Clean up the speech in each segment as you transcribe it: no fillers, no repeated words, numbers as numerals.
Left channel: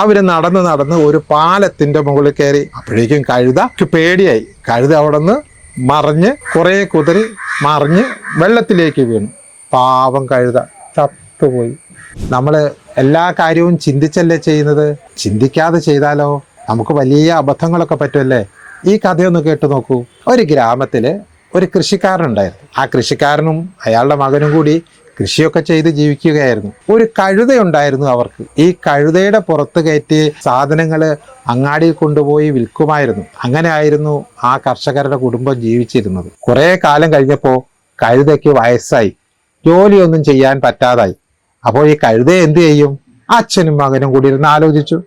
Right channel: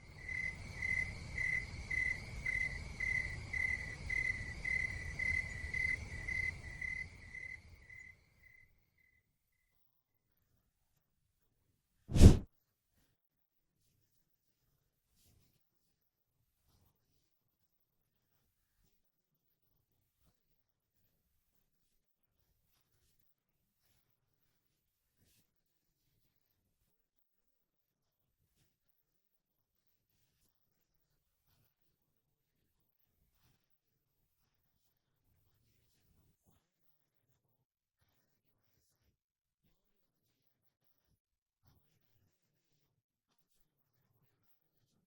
അവര് നടന്ന് നടന്ന് ഒരു പാലത്തിന്റെ മുകളിൽ കയറി. അപ്പോഴേക്കും കഴുതക്ക് പേടിയായി. കഴുത അവിടെ നിന്ന് മറിഞ്ഞ് കുറെ കുതിരി മറിഞ്ഞ് വെള്ളത്തിലേക്ക് വീണു. പാവം കഴുത ചത്തുപോയി. നമ്മള് എല്ലാ കാര്യവും ചിന്തിച്ചല്ലേ ചെയ്യുന്നത്. ചിന്തിക്കാതെ ചെയ്താലോ നമുക്ക് വലിയ അബദ്ധങ്ങളൊക്കെ പറ്റുമല്ലേ. ഈ കഥയൊന്ന് കേട്ടു നോക്കൂ. ഒരു ഗ്രാമത്തില് ഒരു കൃഷിക്കാരനുണ്ടായിരുന്നു. ആ കൃഷിക്കാരനും അയാളുടെ മകനും കൂടി കൃഷിയൊക്കെ ചെയ്ത് ജീവിക്കുകയായിരുന്നു. ഒരു കഴുതയുണ്ടായിരുന്നു അവർക്ക്. ഈ കഴുതയുടെ പുറത്ത് കയറ്റി സാധനങ്ങള് അങ്ങാടിയിൽ കൊണ്ടുപോയി വിൽക്കുമായിരുന്നു. അങ്ങനെ ആയിരുന്നു ആ കർഷകരുടെ കുടുംബം ജീവിച്ചിരുന്നത്. കുറെ കാലം കഴിഞ്ഞപ്പോ കഴുതയ്ക്ക് വയസ്സായി, ജോലിയൊന്നും ചെയ്യാൻ പറ്റാതായി. അപ്പോൾ ഈ കഴുതയെ എന്ത് ചെയ്യും? അച്ഛനും മകനും കൂടി ഇരുന്ന് ആലോചിച്ചു.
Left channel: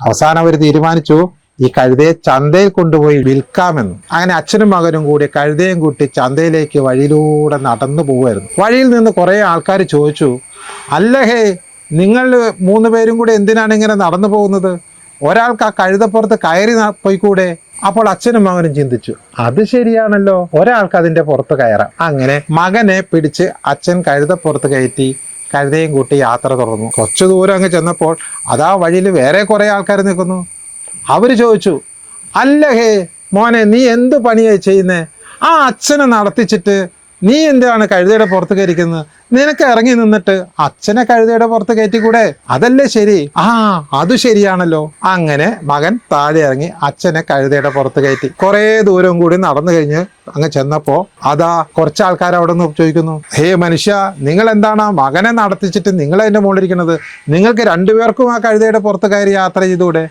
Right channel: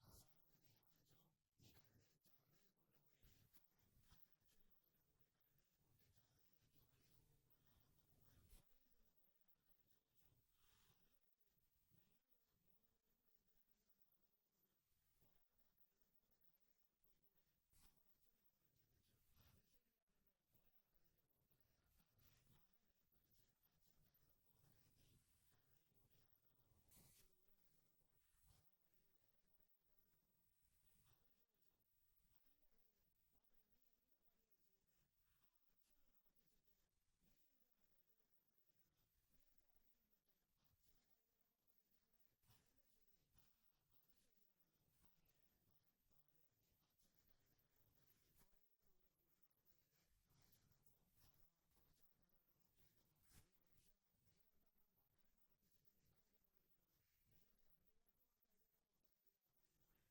അവസാനം അവർ തീരുമാനിച്ചു ഈ കഴുതയെ ചന്തയിൽ കൊണ്ടുപോയി വിൽക്കാമെന്ന്. അങ്ങനെ അച്ഛനും മകനും കൂടി കഴുതയും കൂട്ടി ചന്തയിലേക്ക് വഴിയിലൂടെ നടന്നു പോവുമായിരുന്നു. വഴിയിൽ നിന്ന് കുറെ ആൾക്കാർ ചോദിച്ചു, അല്ല ഹേ, നിങ്ങൾ 3 പേരും കൂടെ എന്തിനാണ് ഇങ്ങനെ നടന്നു പോകുന്നത്? ഒരാൾക്ക് ആ കഴുതപ്പുറത്ത് കയറി പോയിക്കൂടെ? അപ്പോൾ അച്ഛനും മകനും ചിന്തിച്ചു, അത് ശരിയാണല്ലോ, ഒരാൾക്ക് അതിന്റെ പുറത്ത് കയറാം. അങ്ങനെ മകനെ പിടിച്ച് അച്ഛൻ കഴുതപ്പുറത്ത് കയറ്റി കഴുതയും കൂട്ടി യാത്ര തുടർന്നു. കുറച്ചു ദൂരം അങ്ങ് ചെന്നപ്പോൾ അതാ വഴിയിൽ വേറെ കുറെ ആൾക്കാർ നിൽക്കുന്നു. അവര് ചോദിച്ചു, അല്ല ഹേ മോനെ, നീ എന്ത് പണിയായി ചെയ്യുന്നേ? ആ അച്ഛനെ നടത്തിച്ചിട്ട് നീ എന്താണ് കഴുതയുടെ പുറത്ത് കയറിക്കുന്നത്? നിനക്ക് ഇറങ്ങി നിന്നിട്ട് അച്ഛനെ കഴുതയുടെ പുറത്ത് കയറ്റിക്കൂടെ? അതല്ലേ ശരി. അത് ശരിയാണല്ലോ. അങ്ങനെ മകൻ താഴെ ഇറങ്ങി അച്ഛനെ കഴുതയുടെ പുറത്ത് കയറ്റി. കുറെ ദൂരം കൂടി നടന്നു കഴിഞ്ഞ് അങ്ങ് ചെന്നപ്പോ അതാ കുറച്ച് ആൾക്കാർ അവിടെ നിന്ന് ചോദിക്കുന്നു, ഹേ മനുഷ്യ, നിങ്ങൾ എന്താണ് മകനെ നടത്തിച്ചിട്ട് നിങ്ങൾ അതിന്റെ മുകളിലിരിക്കുന്നത്? നിങ്ങൾക്ക് 2 പേർക്കും ആ കഴുതയുടെ പുറത്ത് കയറി യാത്ര ചെയ്തുകൂടെ?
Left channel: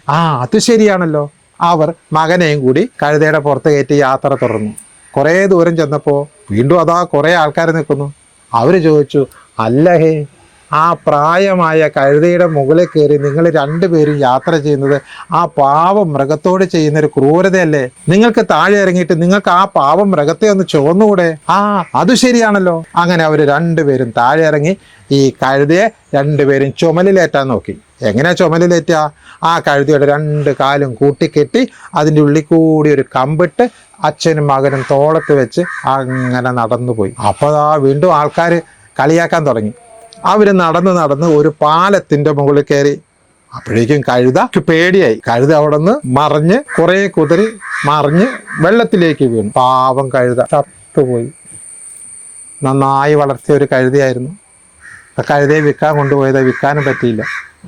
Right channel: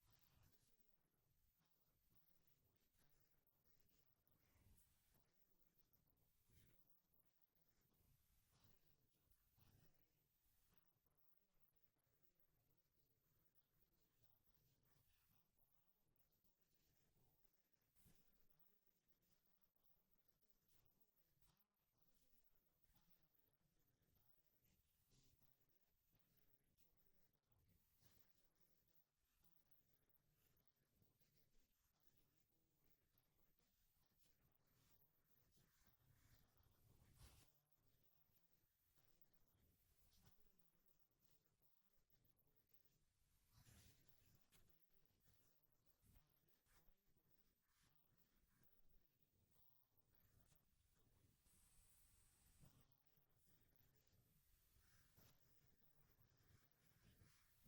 അത് ശരിയാണല്ലോ. അവർ മകനെയും കൂടി കഴുതയുടെ പുറത്ത് കയറ്റി യാത്ര തുടർന്നു. കുറെ ദൂരം ചെന്നപ്പോ വീണ്ടും അതാ കുറെ ആൾക്കാർ നിൽക്കുന്നു. അവര് ചോദിച്ചു, അല്ല ഹേ, ആ പ്രായമായ കഴുതയുടെ മുകളിൽ കയറി നിങ്ങൾ 2 പേരും യാത്ര ചെയ്യുന്നത് ആ പാവം മൃഗത്തോട് ചെയ്യുന്നൊരു ക്രൂരതയല്ലേ? നിങ്ങൾക്ക് താഴെ ഇറങ്ങിയിട്ട് നിങ്ങൾക്ക് ആ പാവം മൃഗത്തെ ഒന്ന് ചുവന്നുകൂടെ? അത് ശരിയാണല്ലോ. അങ്ങനെ അവര് 2 പേരും താഴെ ഇറങ്ങി ഈ കഴുതയെ 2 പേരും ചുമലിലേറ്റാൻ നോക്കി. എങ്ങനെ ചുമലിലേറ്റ? ആ കഴുതയുടെ 2 കാലും കൂട്ടിക്കെട്ടി അതിൻ്റെ ഉള്ളിൽ കൂടി ഒരു കമ്പിട്ട് അച്ഛനും മകനും തോളത്ത് വെച്ച് അങ്ങനെ നടന്നുപോയി. അപ്പോൾ വീണ്ടും ആൾക്കാർ കളിയാക്കാൻ തുടങ്ങി. അവര് നടന്ന് നടന്ന് ഒരു പാലത്തിന്റെ മുകളിൽ കയറി. അപ്പോഴേക്കും കഴുതക്ക് പേടിയായി. കഴുത അവിടെ നിന്ന് മറിഞ്ഞ് കുറെ കുതിരി മറിഞ്ഞ് വെള്ളത്തിലേക്ക് വീണു. പാവം കഴുത ചത്തുപോയി. നന്നായി വളർത്തിയ ഒരു കഴുതയായിരുന്നു. ആ കഴുതയെ വിൽക്കാൻ കൊണ്ടുപോയത് വിൽക്കാനും പറ്റിയില്ല.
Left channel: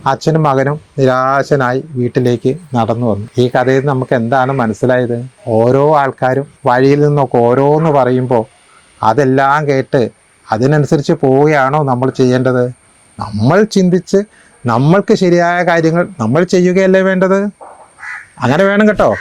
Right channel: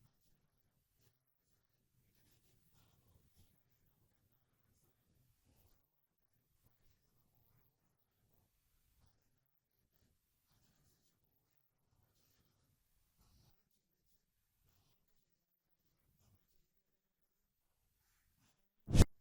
അച്ഛനും മകനും നിരാശനായി വീട്ടിലേക്ക് നടന്നു വന്നു. ഈ കഥയിൽ നമുക്ക് എന്താണ് മനസ്സിലായത്? ഓരോ ആൾക്കാരും വഴിയിൽ നിന്നൊക്കെ ഓരോന്ന് പറയുമ്പോൾ അതെല്ലാം കേട്ട് അതിനനുസരിച്ച് പോവുകയാണോ നമ്മൾ ചെയ്യേണ്ടത്? നമ്മൾ ചിന്തിച്ച് നമ്മൾക്ക് ശരിയായ കാര്യങ്ങൾ നമ്മൾ ചെയ്യുകയല്ലേ വേണ്ടത്. അങ്ങനെ വേണം കേട്ടോ.